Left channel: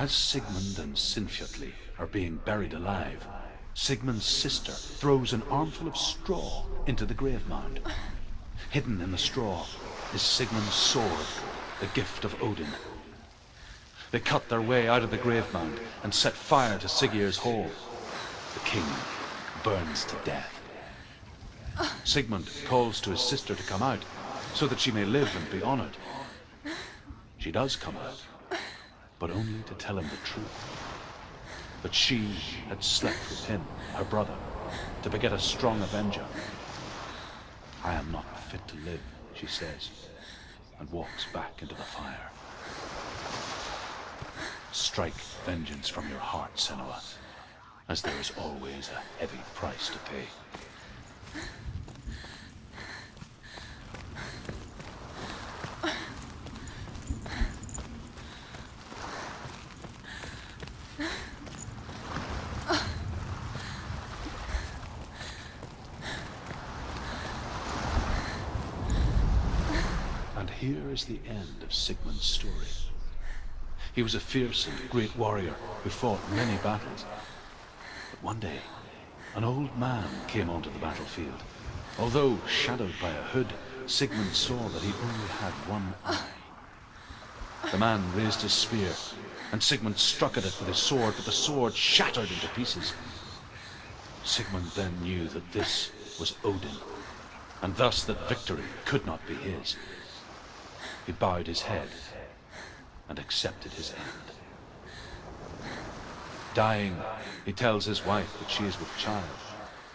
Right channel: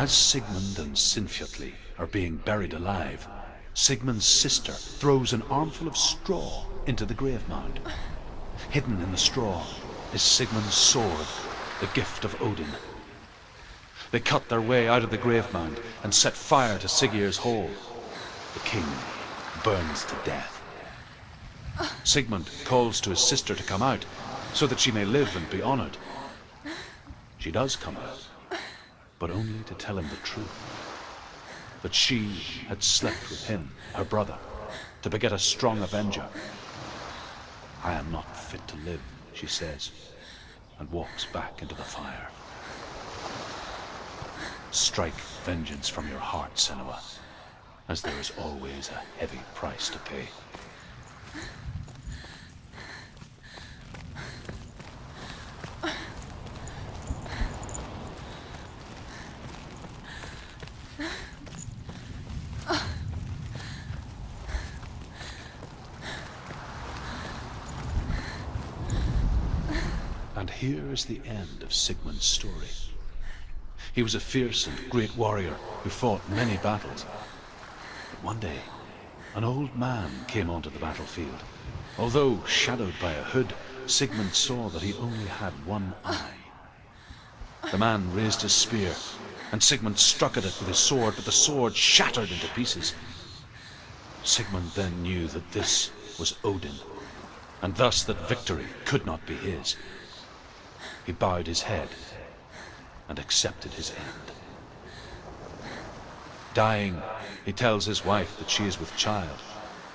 As Sigmund and Sinfjotli are being buried alive, Sigmund's sister throws an armful of straw into the grave mound. Hidden in the straw is Sigmund's sword, the gift of Odin. They cut their way out of the grave mound and set fire to Siggeir's hall. The king burns to death. Sigmund calls to his sister to come out so that she may live and be honored. She does come out, but only to tell him the truth. That she had slept with him, her brother, to beget a strong avenger. I am not fit to live, she says, and walks back into the fire. Strike vengeance from your heart, Senua, as there is always a heavy price to pay. And here is the end of Sigmund's story. He was a fierce and great warrior who fought many battles. But one day, an old man came onto the battlefield. Although shadowed by a hood, Sigmund saw that he only had one eye. The man raised his spear, and Sigmund struck at it with his sword, but the sword shattered into pieces. Sigmund then knew that this was Odin, and thus that victory could not be his. He bowed his head and accepted his end. Dying, he tells his wife that she is with child,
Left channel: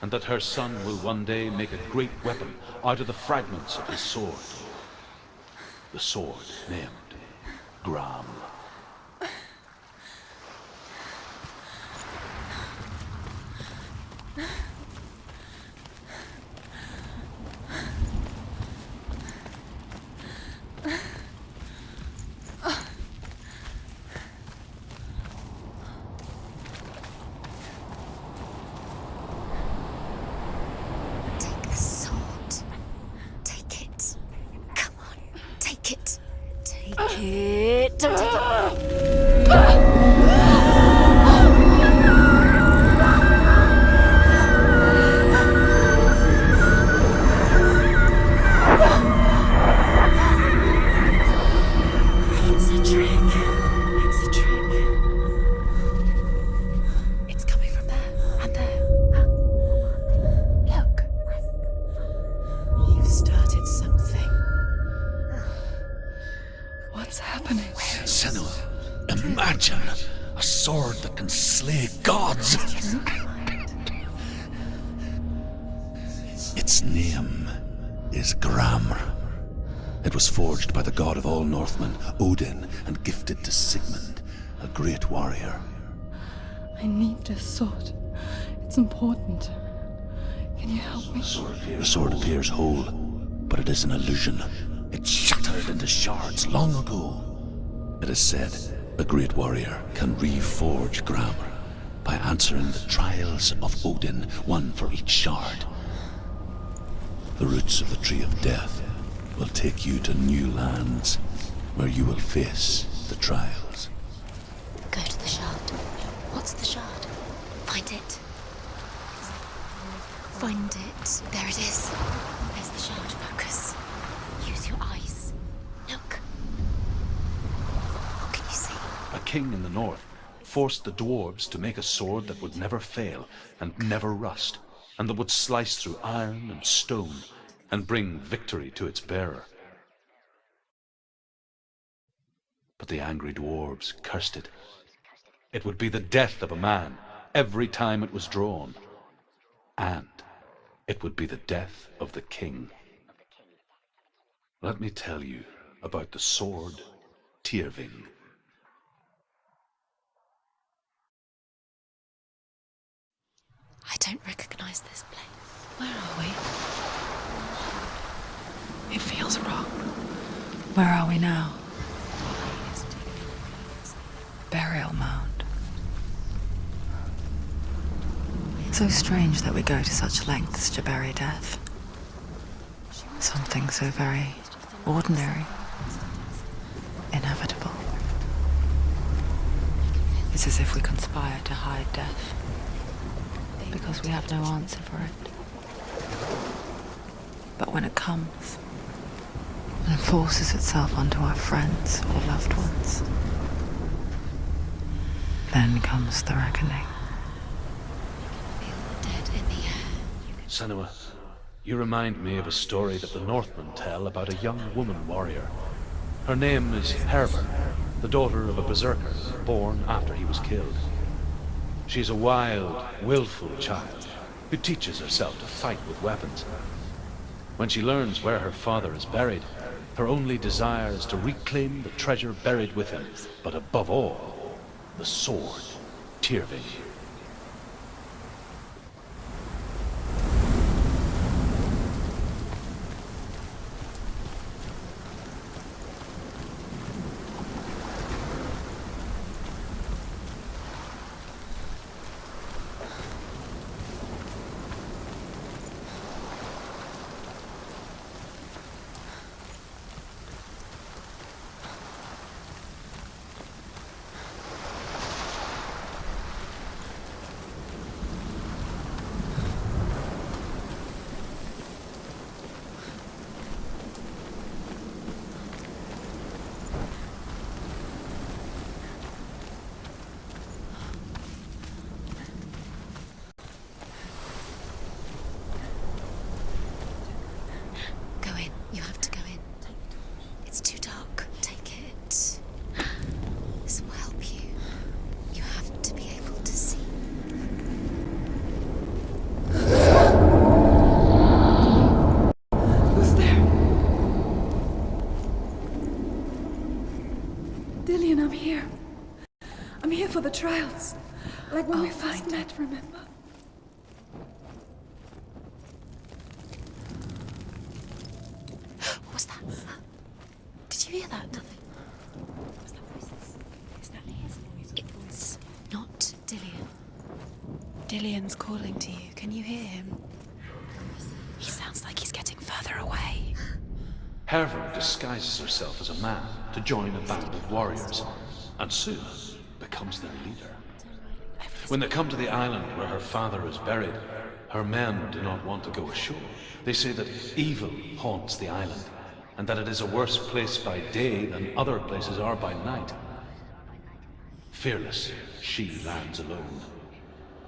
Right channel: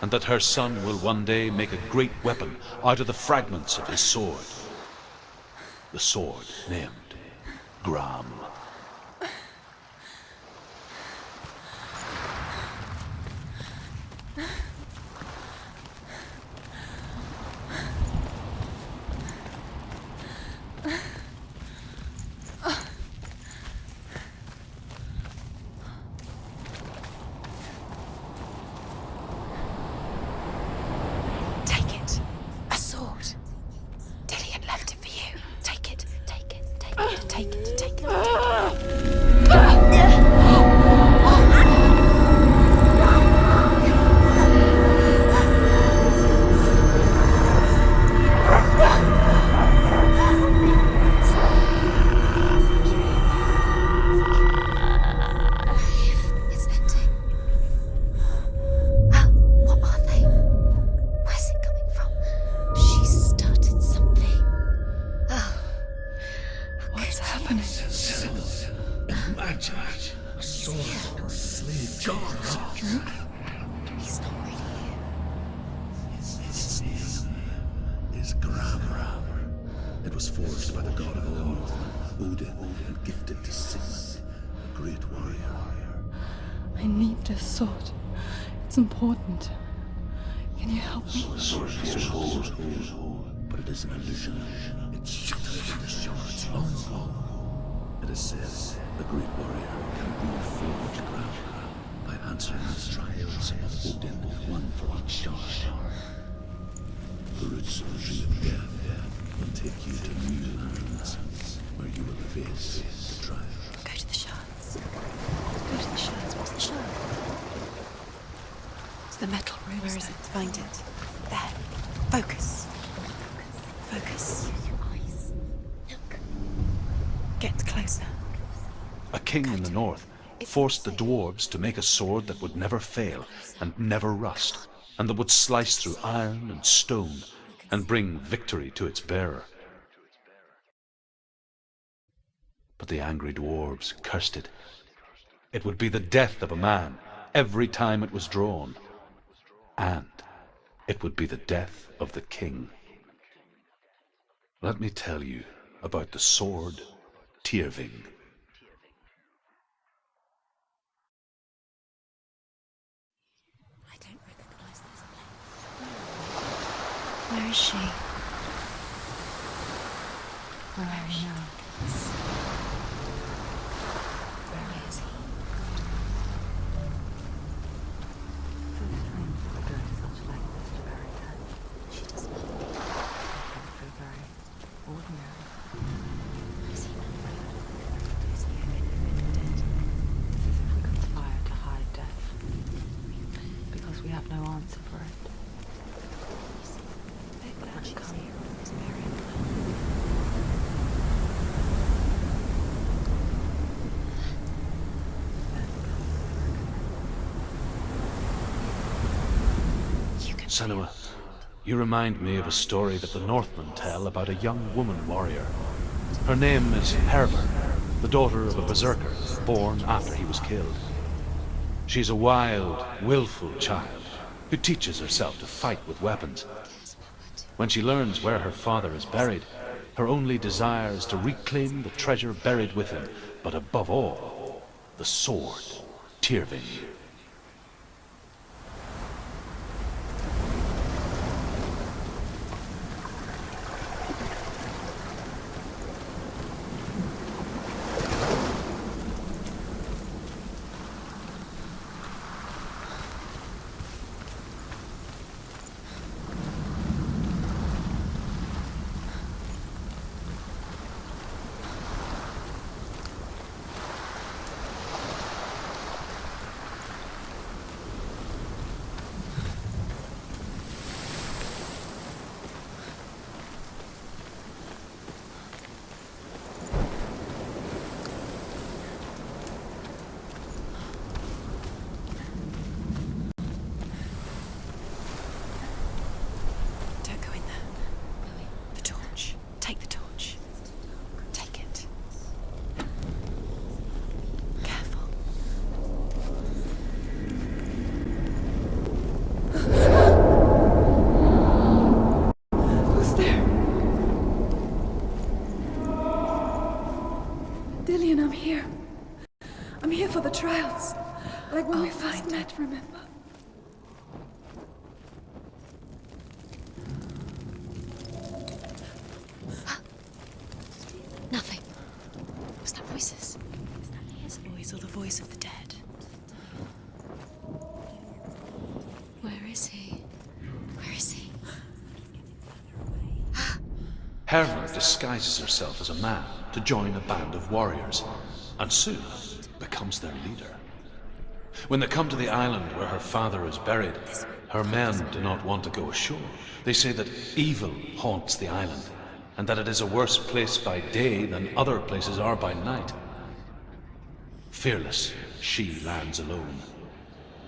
and that her son will one day make a great weapon out of the fragments of his sword. The sword named Gram. Imagine a sword that can slay gods. Its name is Gramr. It was forged by the god of all Northmen, Odin, and gifted to Sigmund, a great warrior. I need this sword. It's important. Can you help me? The sword appears whole, but it is an illusion. It shattered into shards long ago. It is said the great warrior can reforge Gramr by answering the trials of Odin, one for each shard. The roots of the Tree of Death will take you to new lands, where you will face the trials. Go to the shards. Go to the shard. Go to the shards. What's the shard? Find it. It's the metal. Where is it? Find it. There it is. Focus. Where's the shard? Focus. Focus. Use your eyes. Look. Get closer. What can you see? A king in the north forced the dwarves to make a sword that would never fail and never rust, and that would slice through iron and stone and bring victory to its bearer. But the angry dwarves cursed it. It would be the death of a man every time it was drawn, and it would be the death of the king. Let me tell you about the sword Tirfing. I don't recognize this place. Where are we? Where is she? It feels wrong. Where are we now? Burial mound. So strange that we go to such lengths to bury death. Something so very ordinary. Inevitable. It's as if we conspire to hide death, because we have no answer for it. But when it comes, and forces itself onto our friends or loved ones, then comes the reckoning. Senua, you remind me of a story that the Northmen tell about a young woman warrior. Her name is Hervor, the daughter of a berserker born after he was killed. She's a wild, willful child who teaches herself to fight with weapons. When she learns where her father is buried, her only desire is to reclaim the treasure buried with him, but above all, the sword, Tirfing. I'm here. I'm here for the trials. Like when we first met, remember? What's that? Did you hear that? Nothing. Was that voices? Is that his voice or the voice of the dead? Not Dillian. Dillian's calling to you. Can you hear him? Where is he? He sounds like he's getting further away. Hervor disguises herself as a man to join a band of warriors, and soon becomes their leader. When they come to the island where her father is buried, her men do not want to go ashore. They say that evil haunts the island, and that it is a worse place by day than other places are by night. Fearless, she lands alone.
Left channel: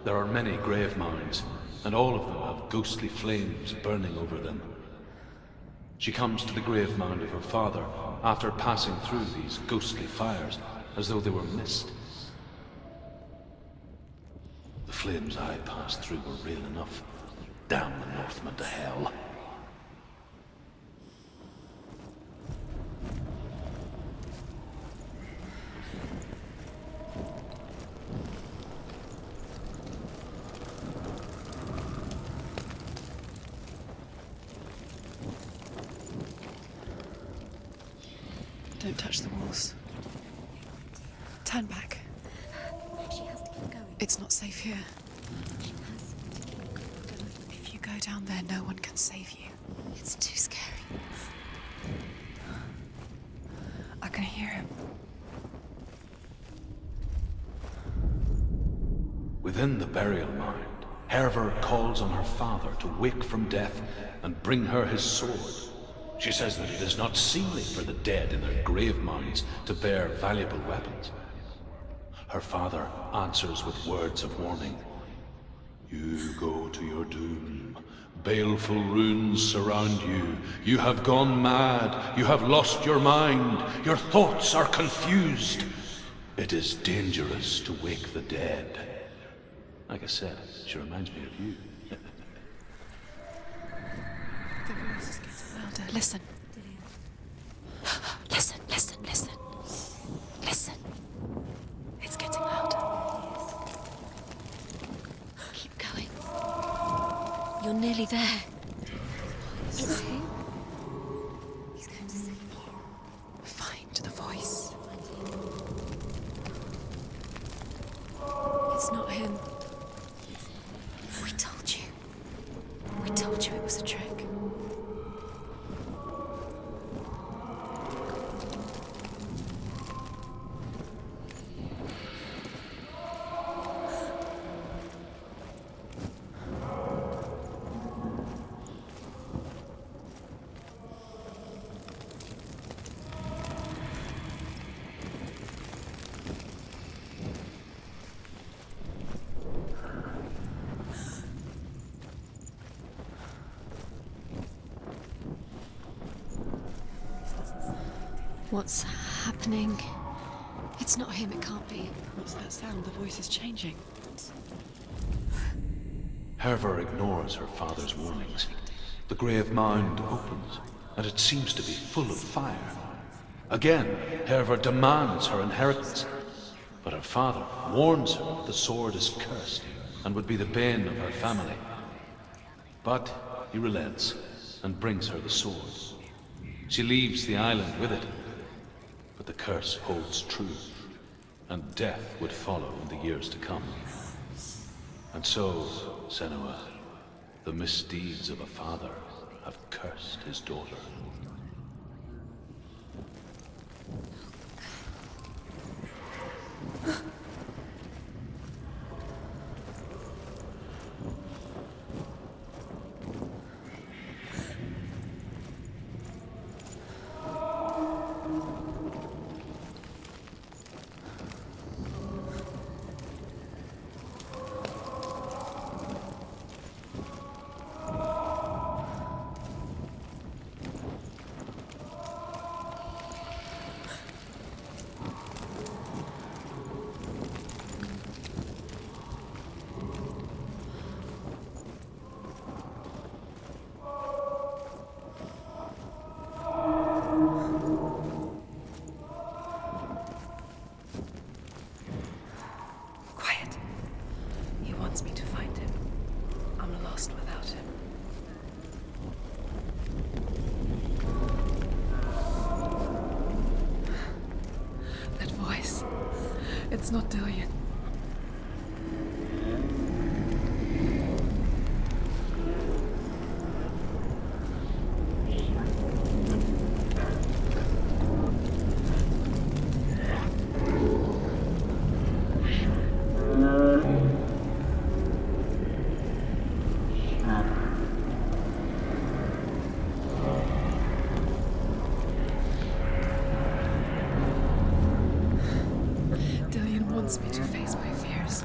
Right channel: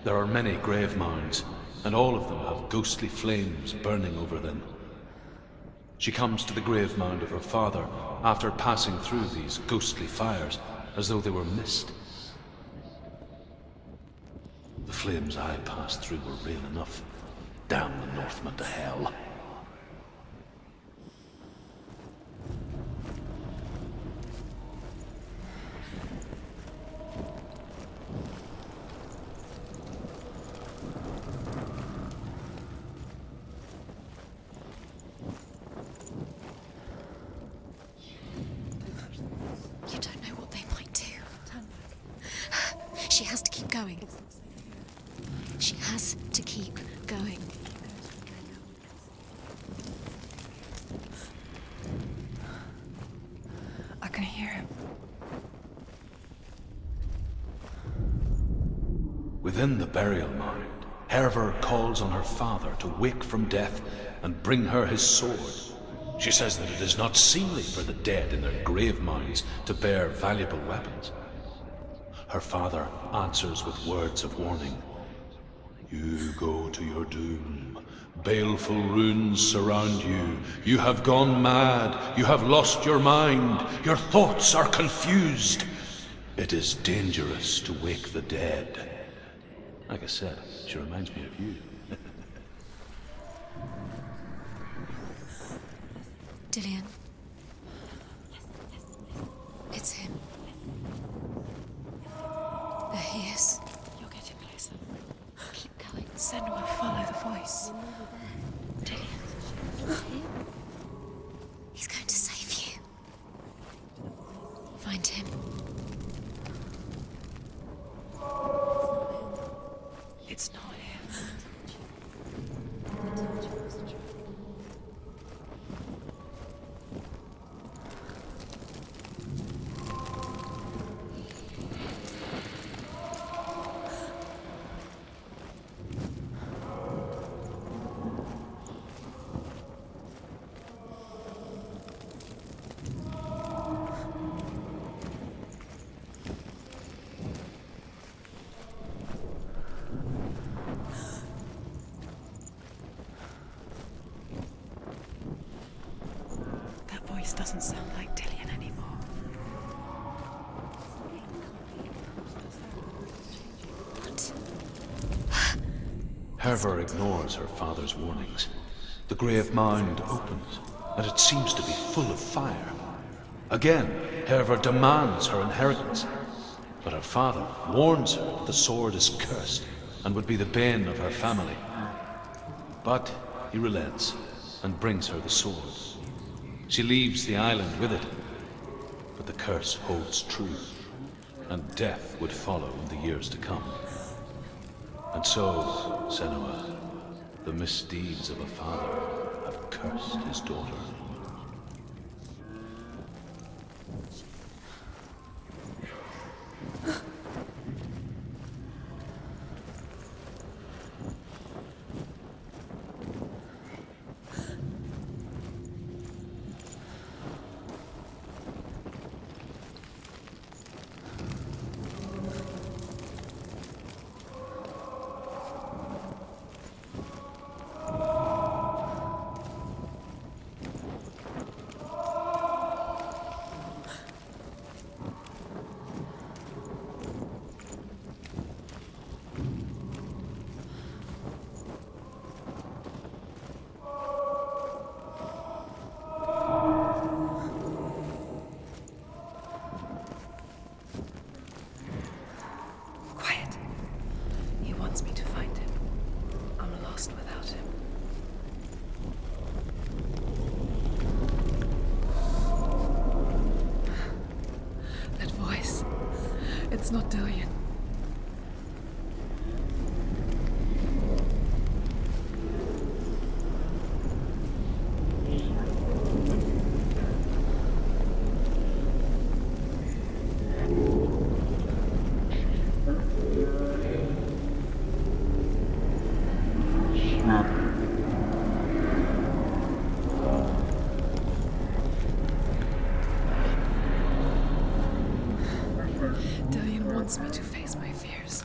There are many grave mounds, and all of them have ghostly flames burning over them. She comes to the grave mound of her father after passing through these ghostly fires, as though they were mist. The flames I passed through were real enough. Damn the Northmen to hell. Don't touch the walls. You don't know what they might do. Turn back. She has to keep going. It's not safe here. She has to keep going. If you go down there, no one can save you. It's too scary. I can hear him. Within the burial mound, Hervor calls on her father to wake from death and bring her his sword. She says that it is not seemly for the dead in their grave mounds to bear valuable weapons. Her father answers with words of warning. You go to your doom. Baleful runes surround you. You have gone mad. You have lost your mind. Your thoughts are confused. It is dangerous to wake the dead. Like I said, she reminds me of you. Listen. Dillian. Listen, listen, listen. It's him. Listen. It's getting louder. There he is. You're getting closer. Keep going. Senua, follow the voice. You're nearly there. It's him. He's going to save you. Find the voice. Find him. It's not him. It's not him. We told you. We told you it was a trick. What's happening? It's not him, it can't be. What's that sound? The voice is changing. What? Hervor ignores her father's warnings. The grave mound opens, and it seems to be full of fire. Again, Hervor demands her inheritance, but her father warns her that the sword is cursed and would be the bane of her family. But he relents and brings her the sword. She leaves the island with it, but the curse holds true, and death would follow in the years to come. And so, Senua, the misdeeds of a father have cursed his daughter. Me to find him. I'm lost without him. That voice. It's not Dillion. Wants me to face my fears.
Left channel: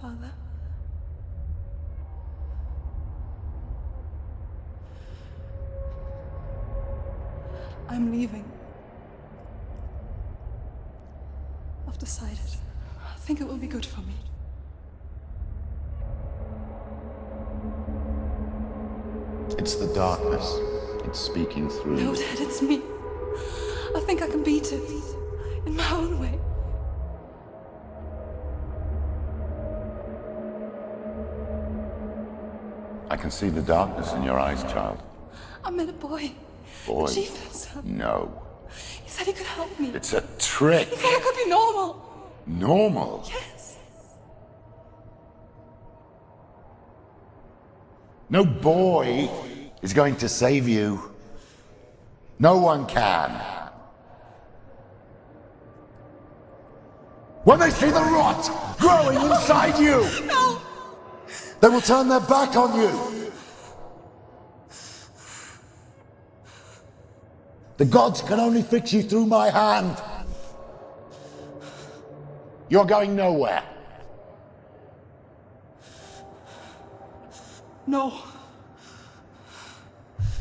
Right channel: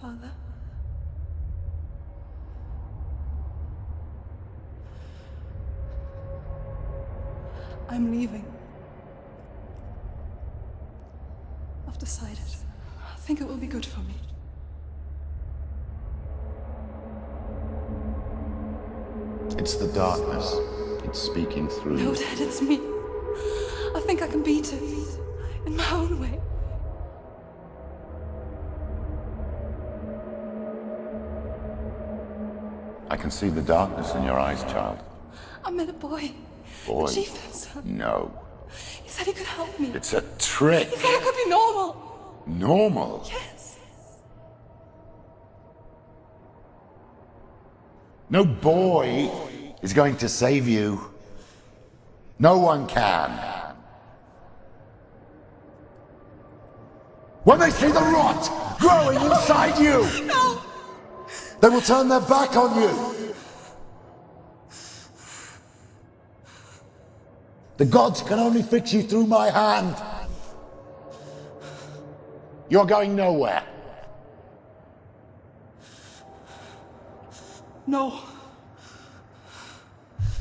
Father? I'm leaving. I've decided. I think it will be good for me. It's the darkness. It's speaking through No, you. Dad, it's me. I think I can beat it. In my own way. I can see the darkness in your eyes, child. I met a boy. Boy. The chieftain's son. No. He said he could help me. It's a trick. He said I could be normal. Normal? Yes. No boy is going to save you. No one can. When they see the rot growing inside you, No! they will turn their back on you. The gods can only fix you through my hand. You're going nowhere. No.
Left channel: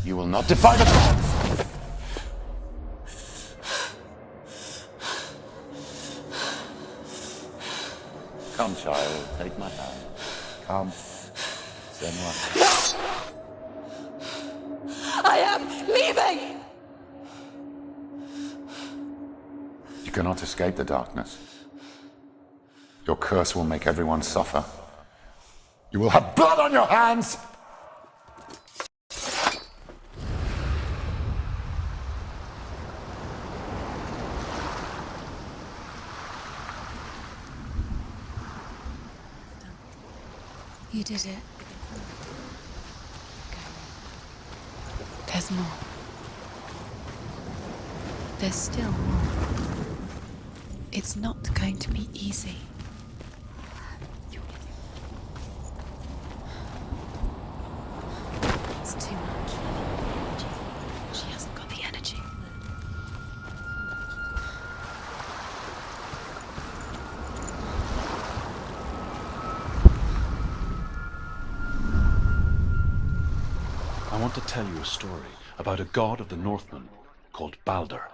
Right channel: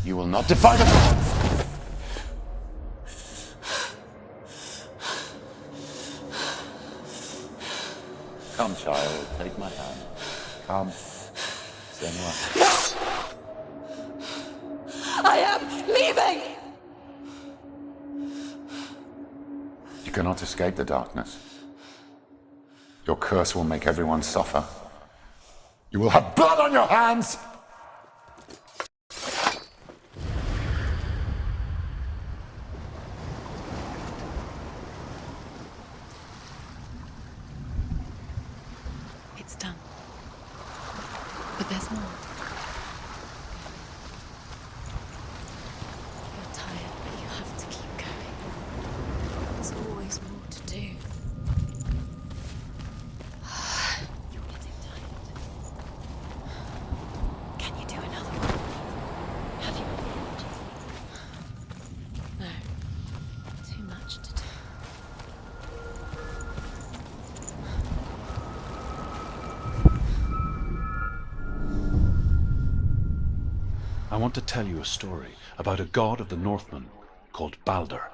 You will not defy the gods. Come, child, take my hand. Come. Senua. I am leaving! You cannot escape the darkness. Your curse will make everyone suffer. You will have blood on your hands! It's done. You did it. But there's more. There's more. You're tired, but you have to keep going. There's still more. There's always more to do. It's not going to be easy. want to tell you a story about a god of the Northmen called Baldur.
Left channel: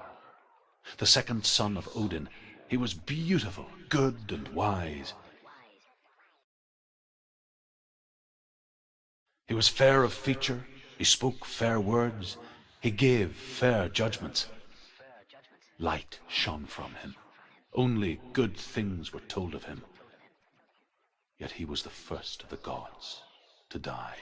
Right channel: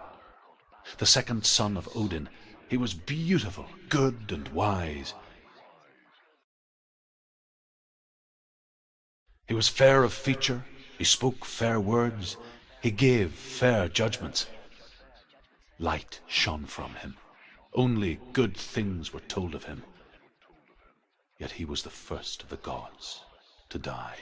The second son of Odin, he was beautiful, good, and wise. He was fair of feature, he spoke fair words, he gave fair judgments. Light shone from him. Only good things were told of him. Yet he was the first of the gods to die.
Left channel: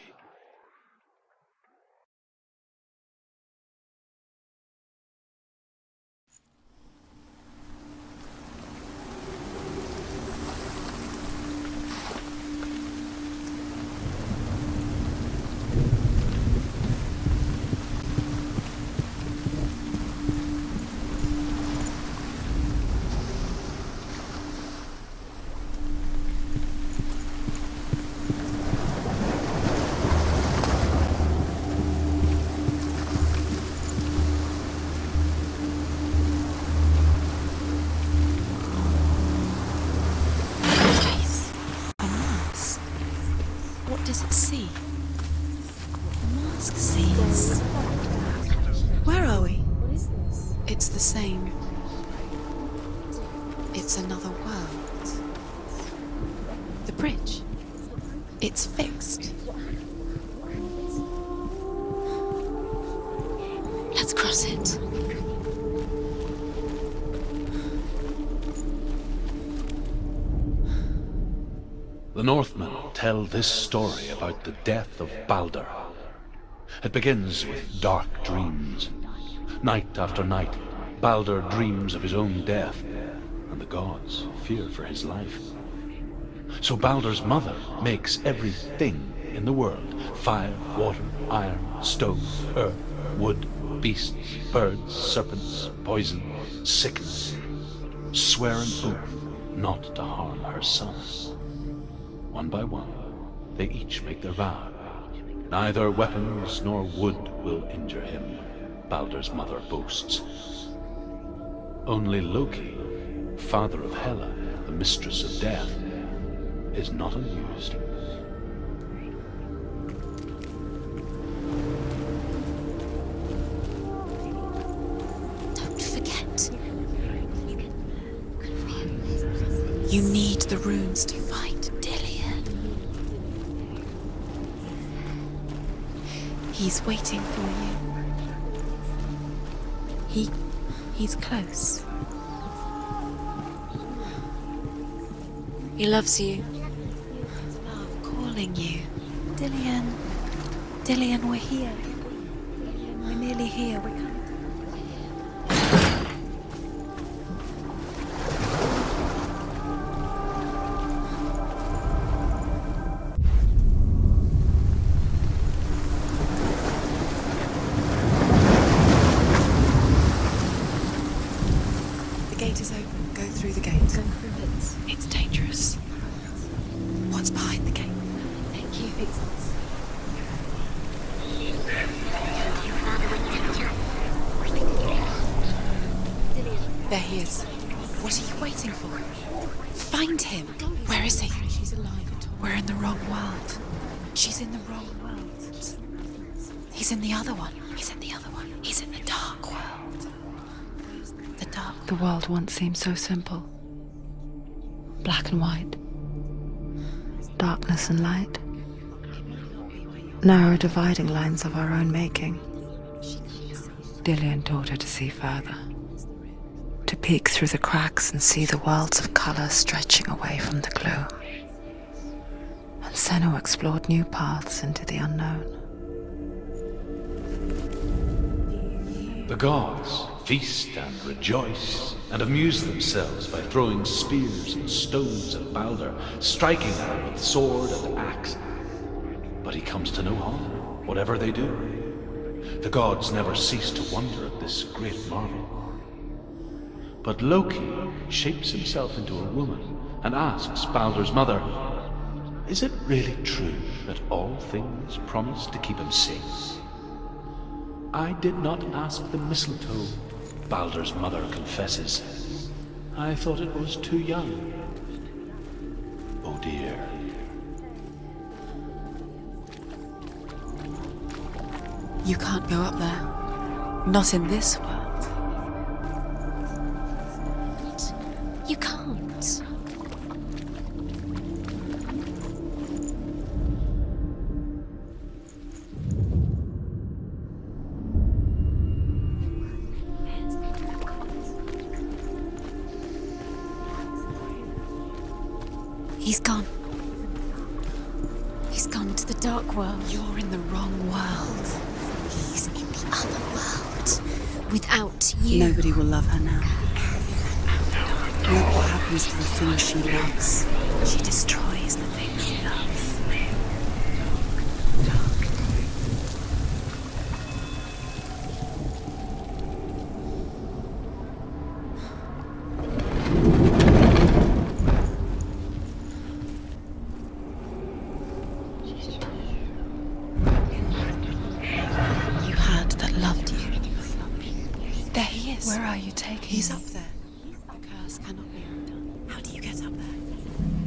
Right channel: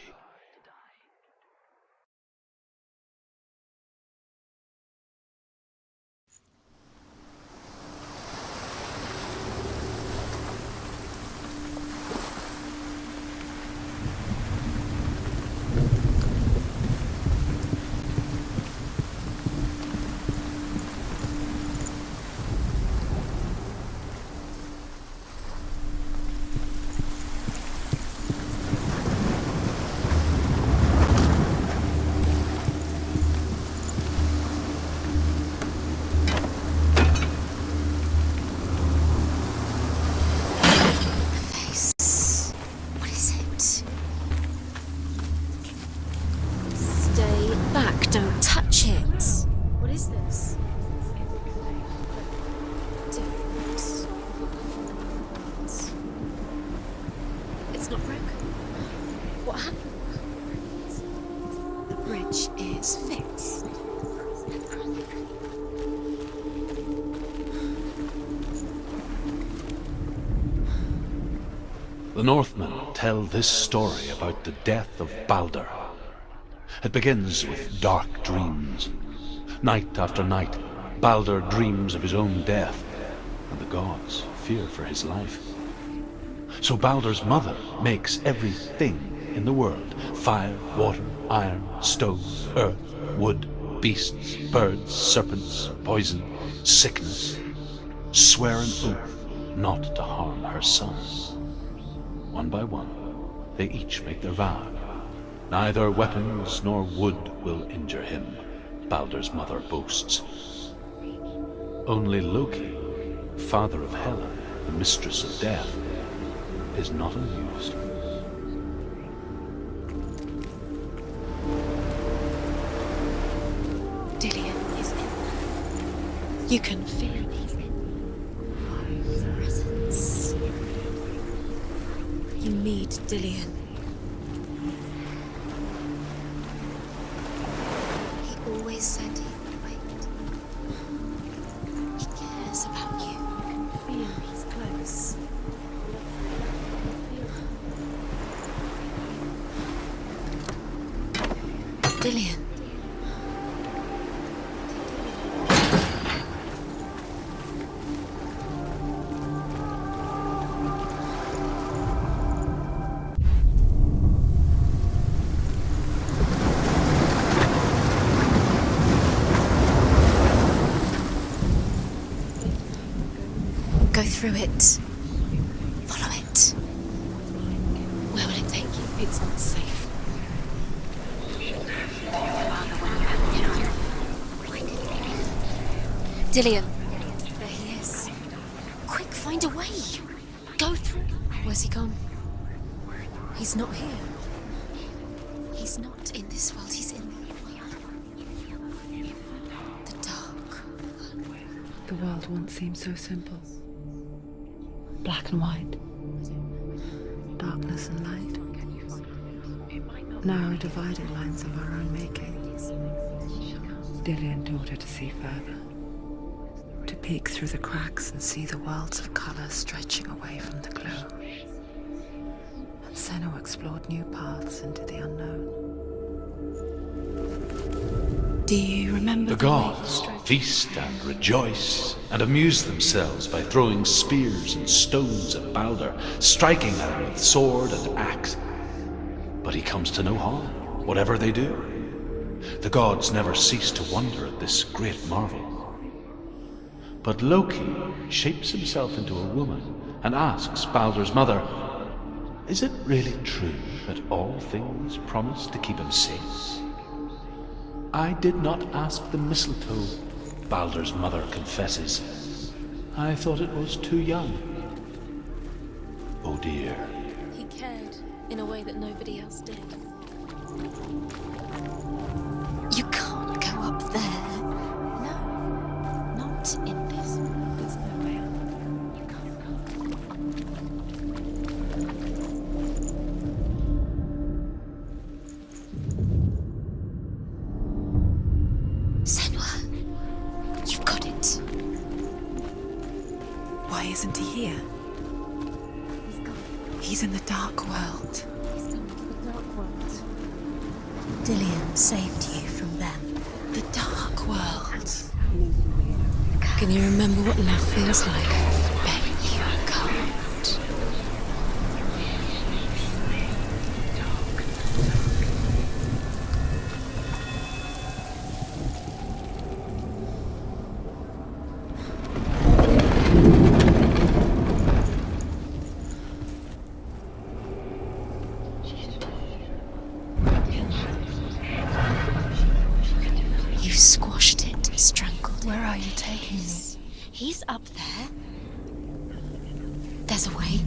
The Northmen tell this story about the death of Baldur. It begins with dark dreams. Night after night, Baldur dreams of his own death, and the gods fear for his life. So Baldur's mother makes everything in the world: fire, water, iron, stone, earth, wood, beasts, birds, serpents, poison, sickness, swear an oath not to harm her son. One by one, they each make their vow. Neither weapons nor wood will injure him, Baldur's mother boasts. Only Loki, father of Hela, the mistress of death, is not amused. Dillion is in. Don't forget. You can feel it. You need the runes to fight Dillion. You need Dillion. He's waiting for you. He always said he'd wait. He's close. He cares about you. He's close. He loves you. Calling you. Dillion. Dillion, we're here. Dillion. We're nearly here. It's dangerous. Follow it. What's behind the gate? Where will it take you? It's not safe. Dillion. There he is. What are you waiting for? Quick, find a way. Find him. Go. Where is he? Where's he gone? We're in the wrong world. He's not here. She's in the wrong world. He's not in this world. He's in the other one. He's in the other one. He's in the dark world. The dark. The dark. The world once seemed so simple. Black and white. Darkness and light. Narrow dividing lines of our own making. Dillion taught her to see further. To peek through the cracks and see the worlds of color stretching away from the gloom. And Senua explored new paths into the unknown. Do you remember? The gods feast and rejoice and amuse themselves by throwing spears and stones at Baldur, striking at him with sword and axe. But he comes to no harm, whatever they do. The gods never cease to wonder at this great marvel. But Loki shapes himself into a woman and asks Baldur's mother, "Is it really true that all things promise to keep him safe?" "I did not ask the mistletoe," Baldur's mother confesses. "I thought it was too young." Oh dear. He cared in a way that nobody else did. You can't go up You there. can't go up there. Not in this world. Not in this world. You can't. Senua, you've got it. Why isn't he here? He's gone. He's in the dark world. He's gone to the dark world. You're in the wrong world. Dillian saved you from that other world. The dark world. Without you. Nobody will love her now. Can you remember what love feels like? What happens to the things she loves? She destroys the fear. You had that loved you. You squashed it straight. Where are you taking me? He's up there. How do you get up there? There's a way.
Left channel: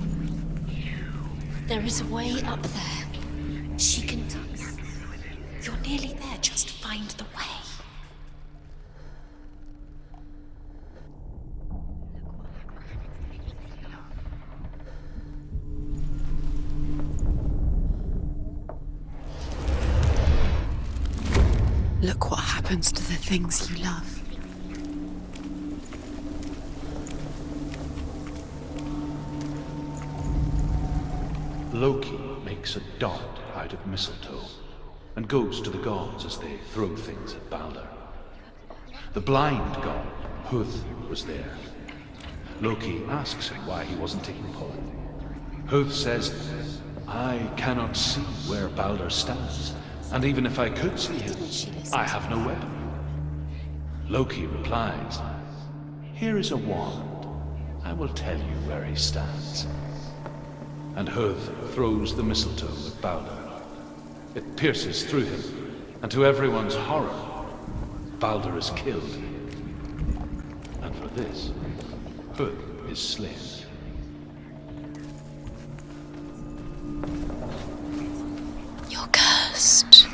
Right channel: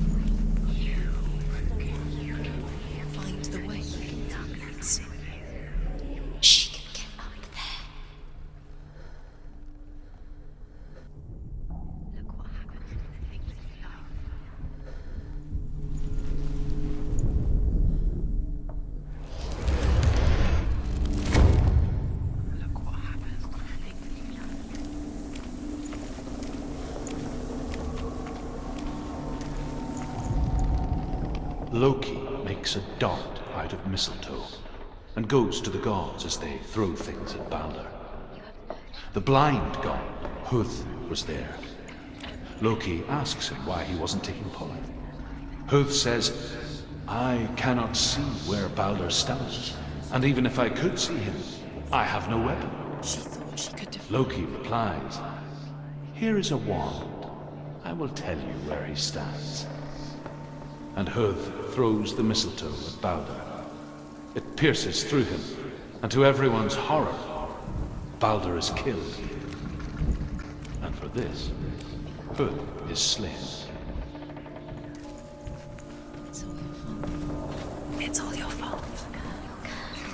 There is a way up there. Find the way. She can do that. You're nearly there. Just find the way. Look what happens to the things you love. Loki makes a dart out of mistletoe and goes to the gods as they throw things at Baldur. The blind god, Huth, was there. Loki asks him why he wasn't taking part. Huth says, I cannot see where Baldur stands, and even if I could see him, I have no weapon. She thought she could defeat. Loki replies, Here is a wand. I will tell you where he stands. And Huth throws the mistletoe at Baldur. It pierces through him, and to everyone's horror, Baldur is killed. And for this, Huth is slain. It's all your fault. You're cursed.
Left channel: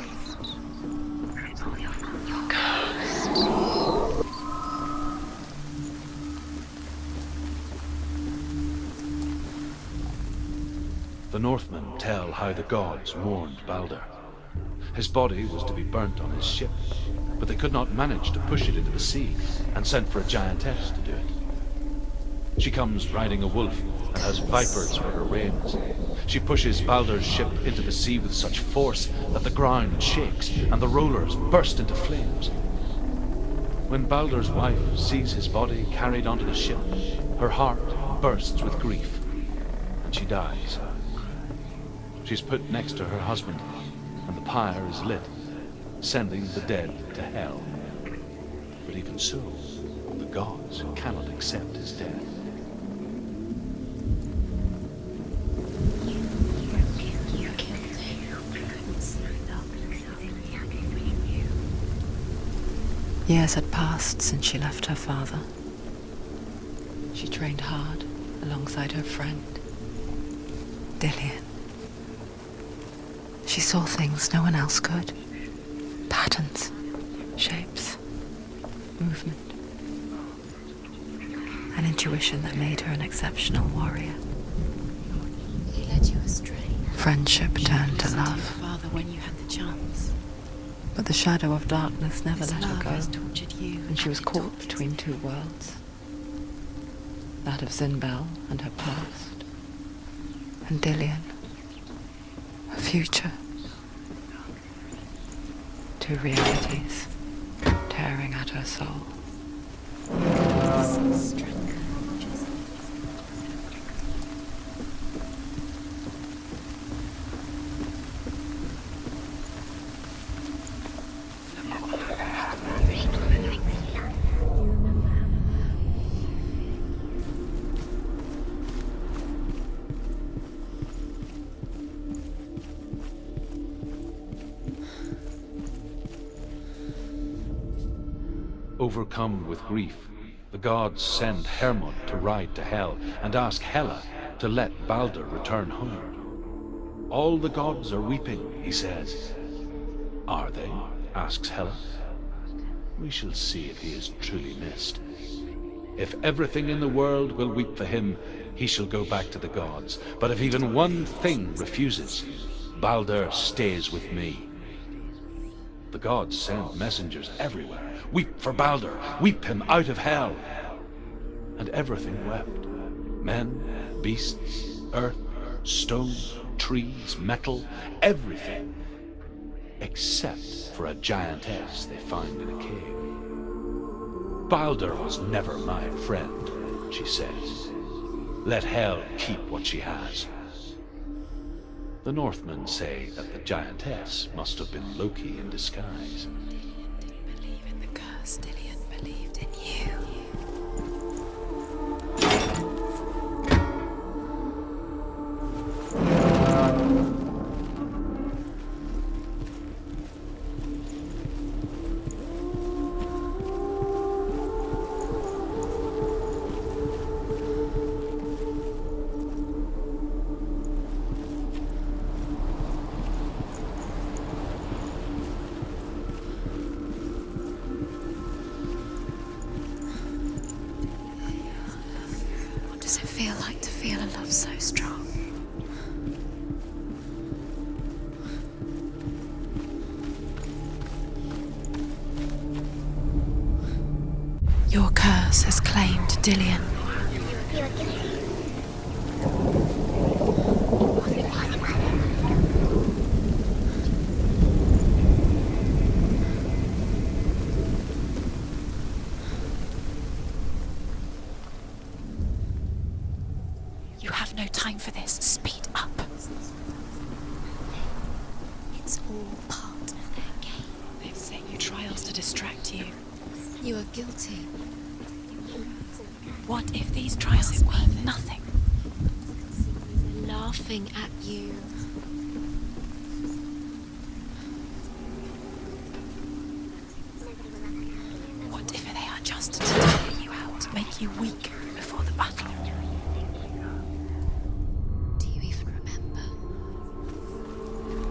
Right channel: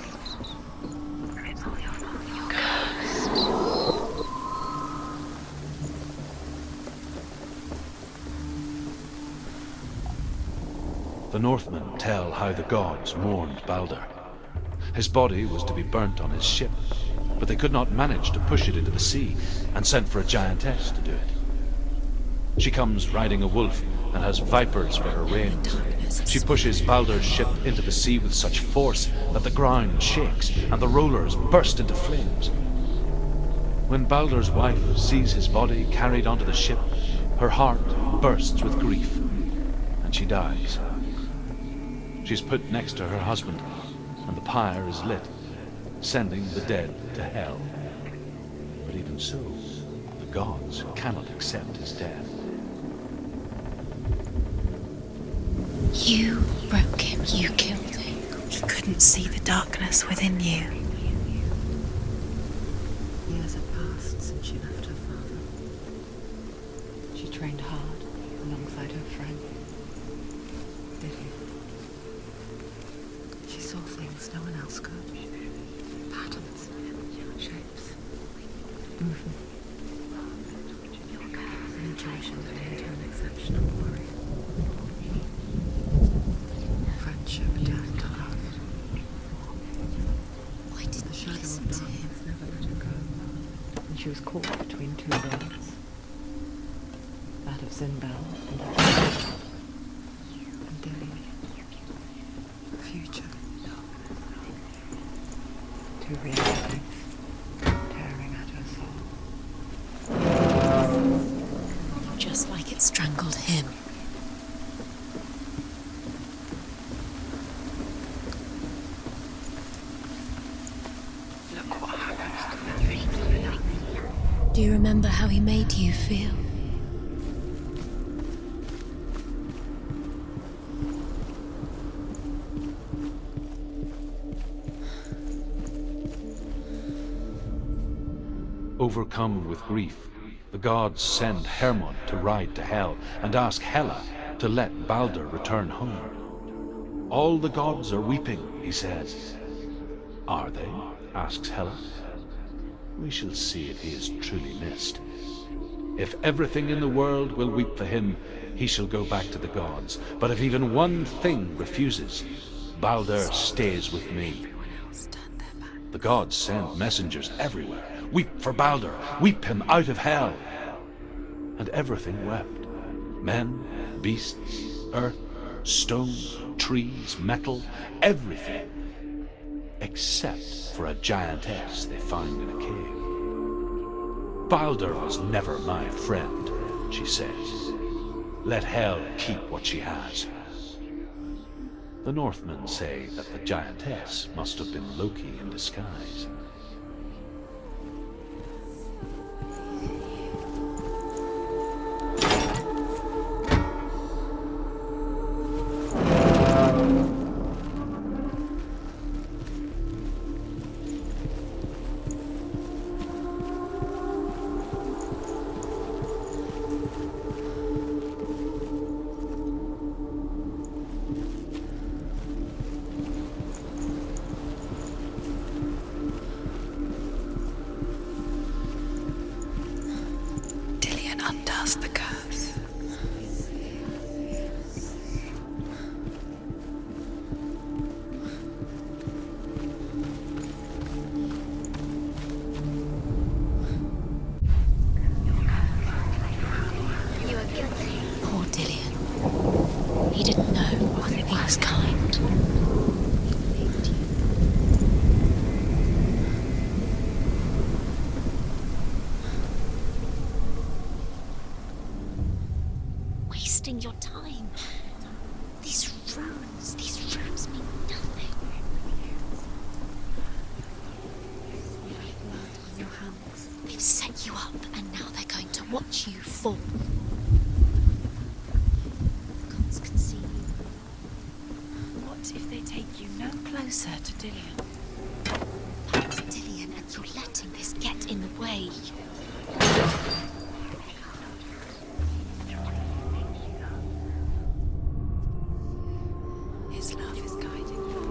It's all your fault. You're cursed. The Northmen tell how the gods mourned Baldur. His body was to be burnt on his ship, but they could not manage to push it into the sea, and sent for a giantess to do it. She comes riding a wolf and has vipers for her reins. She pushes Baldur's ship into the sea with such force that the ground shakes and the rollers burst into flames. When Baldur's wife sees his body carried onto the ship, her heart bursts with grief, and she dies. She's put next to her husband, and the pyre is lit, sending the dead to hell. But even so, the gods cannot accept his death. You broke him. You killed him. You couldn't see the darkness within you. Years had passed since she left her father. She trained hard alongside her friend, Dillian. She saw things no one else could. Patterns, shapes, movement. An intuition that made her an exceptional warrior. He led you astray. Friendship turned to love, Father, when you had the chance. but the shadow of darkness never let her go, Has tortured you. and she was caught between two worlds. That of Zinbel and her past, and Dillian, her future. Two realities tearing at her soul. Just like it strangled him. Look what happens to the things. Do you remember how he made you feel? Overcome with grief, the gods send Hermod to ride to Hell and ask Hela to let Baldur return home. All the gods are weeping, he says. Are they? asks Hela. We shall see if he is truly missed. If everything in the world will weep for him, he shall go back to the gods. But if even one thing refuses, Baldur stays with me. The gods send messengers everywhere. Weep for Baldur, weep him out of hell. And everything wept. Men, beasts, earth, stone, trees, metal, everything. Except for a giantess they found in a cave. Baldur was never my friend, she says. Let hell keep what she has. The Northmen say that the giantess must have been Loki in disguise. Believe in the curse, Dillion believed in you. Undoes the curse. What does it feel like to feel a love so strong? Your curse has claimed Dillion. Poor Dillion. He didn't know what it was kind. You have no time for this. Speed up. These rooms mean nothing. It's all part of their game. They've set you trials to distract you. They set you up, and now they're going to watch you fall. What if these trials mean nothing? God's laughing at you. What if they take you no closer to Dillion? That's Dillion, and you're letting this get in the way. What if they are just taking you out to make you weak before the battle? Do you even remember? His love is guiding you.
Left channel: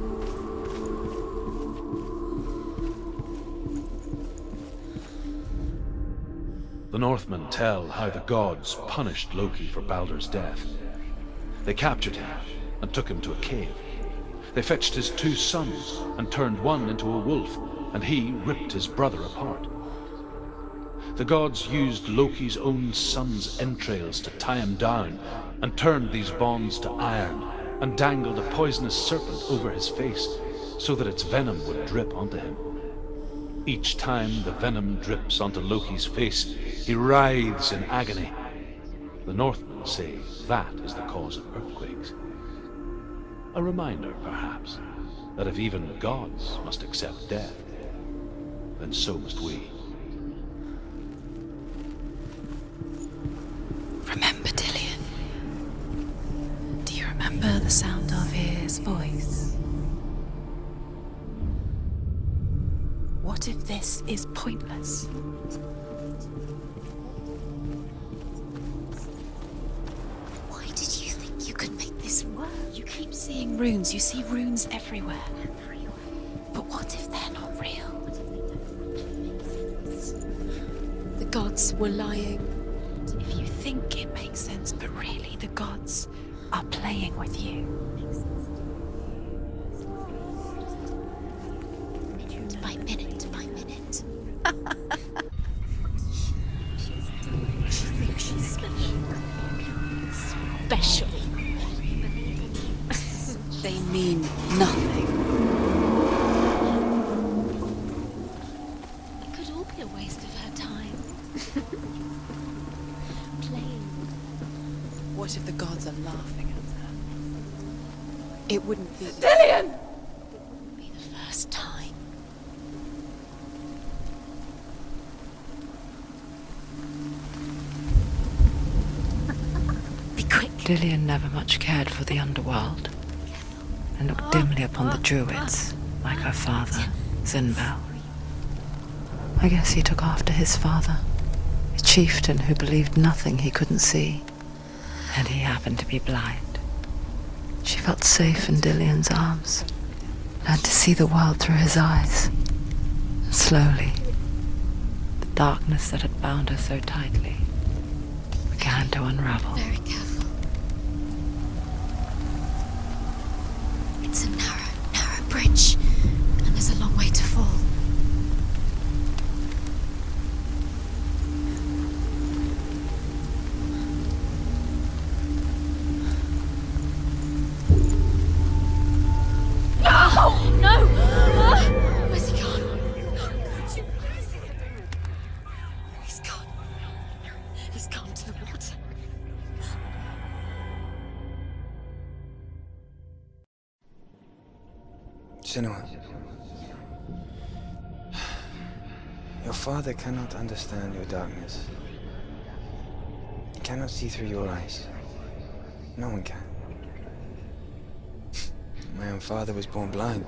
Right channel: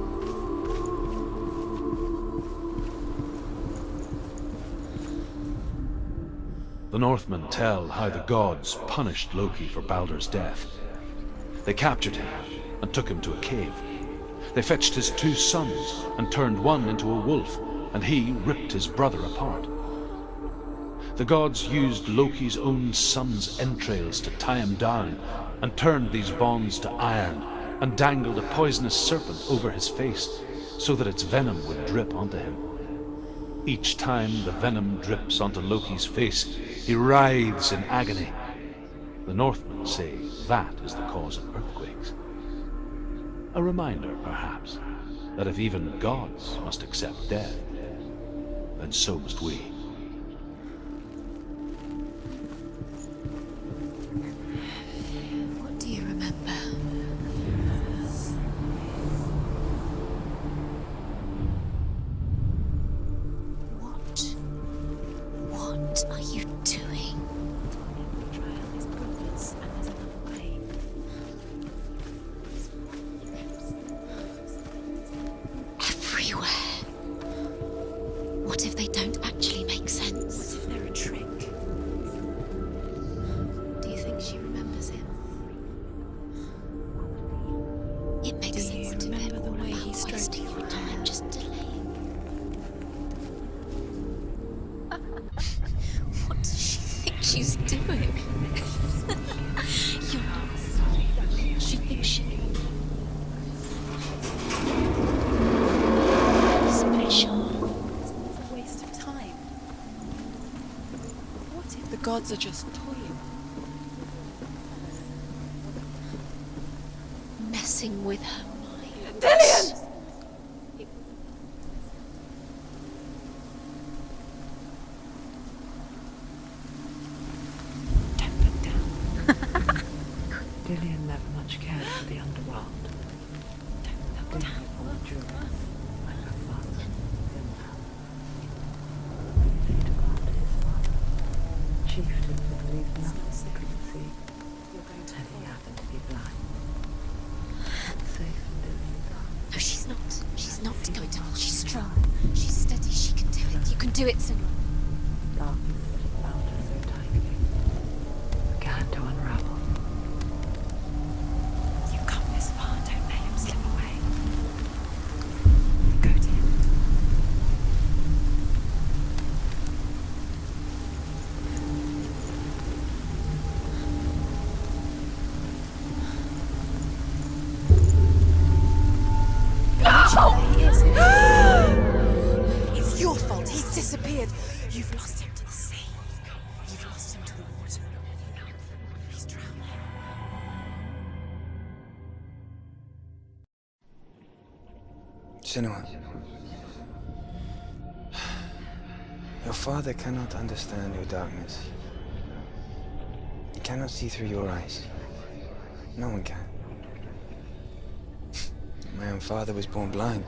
The Northmen tell how the gods punished Loki for Baldur's death. They captured him and took him to a cave. They fetched his 2 sons and turned one into a wolf, and he ripped his brother apart. The gods used Loki's own son's entrails to tie him down and turned these bonds to iron and dangled a poisonous serpent over his face so that its venom would drip onto him. Each time the venom drips onto Loki's face, he writhes in agony. The Northmen say that is the cause of earthquakes. A reminder, perhaps, that if even gods must accept death, then so must we. Remember Dillion. What do you remember? Do you remember the sound of his voice? What if this is pointless? What are you doing? Why did you think you could make this work? You keep seeing runes. You see runes everywhere. Everywhere. What if they're not real? What if they don't actually make sense? They're a trick. The gods were lying. If you think it makes sense, but really the gods are playing with you. It makes Do you sense to remember them. the way he stroked Wasting your time, just delay. By minute to by minute. What does she think she's doing? You special. She thinks They mean nothing. special. A waste of time. It could all be a waste of her time. The gods are just Playing, What if the gods are laughing? messing with her. It wouldn't be. Dillion! Be the first time. Be quick. Dillion never much cared for the underworld, and looked dimly upon the druids, like her father, Zinbel. I guess he took after his father, a chieftain who believed nothing he couldn't see, and he happened to be blind. She felt safe in Dillion's arms, She's not. learned to see the world through his eyes. She's steady. Slowly, Do it soon. the darkness that had bound her so tightly began to unravel. Very careful. You've come this far, don't let him slip away. It's a narrow bridge. And there's a long way to fall. It's your fault. He's disappeared. You've lost him to the sea. He's gone. You've lost him to the... He's gone to the water. He's drowned. Senua, your father cannot understand your darkness. He cannot see through your eyes. No one can. My own father was born blind.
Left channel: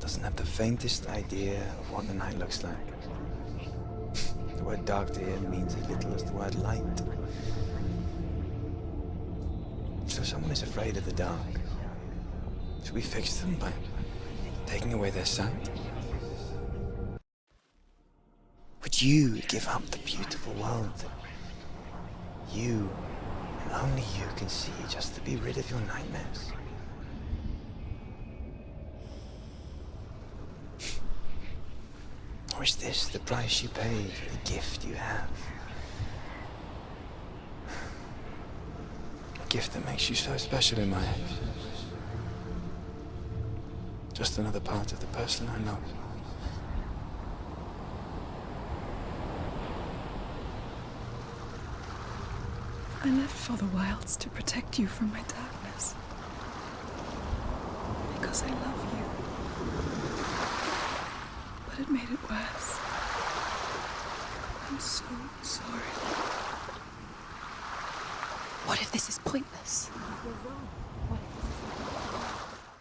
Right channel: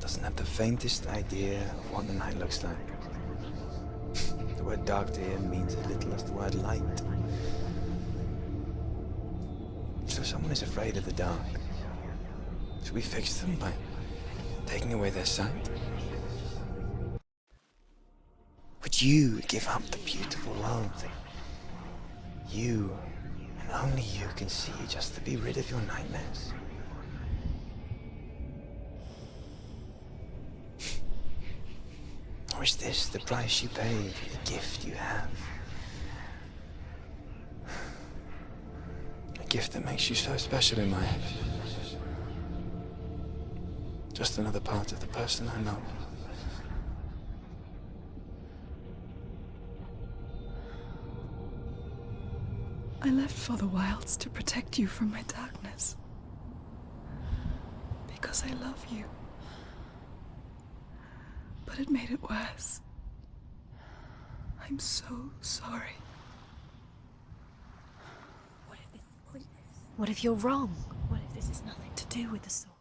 Doesn't have the faintest idea of what the night looks like. The word dark to him means as little as the word light. So if someone is afraid of the dark, should we fix them by taking away their sight? Would you give up the beautiful world that you and only you can see just to be rid of your nightmares? Or is this the price you pay for the gift you have? A gift that makes you so special in my eyes. Just another part of the person I love. I left for the wilds to protect you from my darkness. Because I love you. But it made it worse. I'm so sorry. What if this is pointless? What if you're wrong? What if this has nothing to do with the story?